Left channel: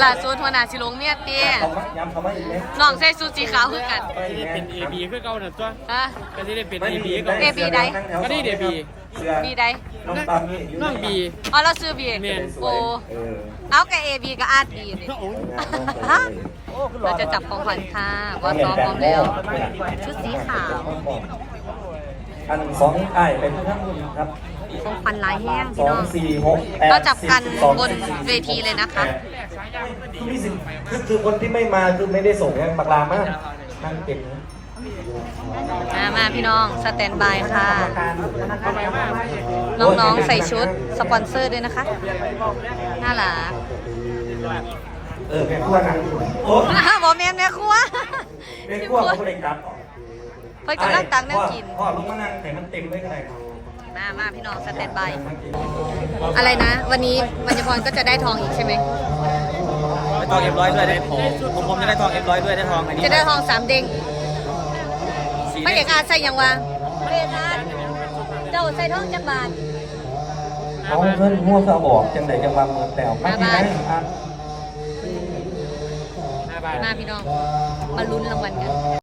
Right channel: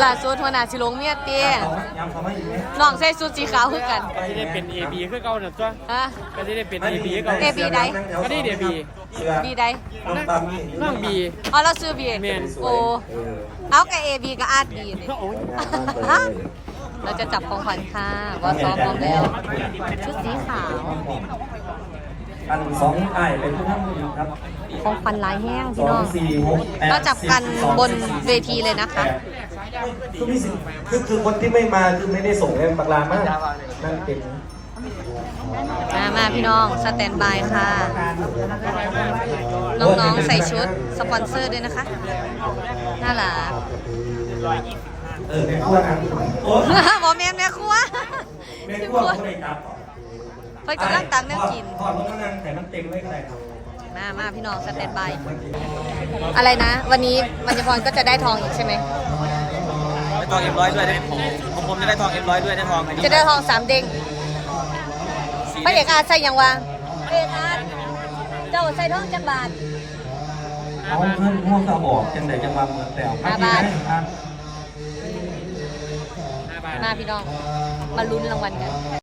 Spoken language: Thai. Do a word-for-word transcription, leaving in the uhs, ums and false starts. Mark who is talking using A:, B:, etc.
A: ล่าสุดหัวหน้าสิลงเมียเตี้ยน้องใส่สูทสีขาวคือกัน
B: ก็จะได้เป็น เอ บี คือเก่าน่ะจ้ะ
A: ฮะ
B: ก็จะได้เป็น เอ บี คือเก่า
A: เอบีใด
B: ก็นี่เดบี
A: บีใด
B: น้องบี
A: อ๋อเราซื้อบี
B: แม่น
A: โอ้เอากับเอบีกับอาร์บีเลย
B: โอ้ย
A: เราจะจับของขวัญค่ะวอซ้อมพร้อมแล้ว ชุดสีขาว
C: อันสองไอ้เป็นผู้นำครับ
A: ของขวัญลายแห้ง
C: ส
A: พี่
C: อ
A: น้อง ง
C: สี่หกแปด
A: ก็จับกัน
C: สิสอง
A: บนเวทีเลยนะคะ
C: คือมีสิคือคือคนที่ไม่มาคือไม่ได้ส่งกันปากลามากนั่งเก็บ
A: มามาพี่น้องสแตนบายค่ะ น้องๆใส่ชุดสปอนเซอร์ด้วยนะคะ น่ารัก
C: เออแม่ครัวกันโอ้
A: บอแม่แม่ครัว
C: แม่
A: พี่
C: ครัว
A: บัว
C: ก็เลยกลับต่อ
A: เพิ่นกำลังตังนั่งกิน
C: พ่อรถมานั่งแต่มันเต็มไม่ได้ครับ
A: มามาพี่น้องสแตนบาย อะไรนะ วันนี้บรรยพรก็จะได้ทองอีกใช่ไหม
D: ได้ทองเอ็มร้อยด้วยได้ผมผมจะได้ทองเอ็มร้อยด้วยได้ทองอันนี้
A: จะได้ทองสามเด้งพระเอกอาใส่ยังวะพระเอกอาเจ้าใส่ทองจักบาท
C: เอาเงินง่วงก็บอกจังไหนจะวางแต่
A: ห้าบาท มาพี่น้อง มาลุ้นรางวัลกัน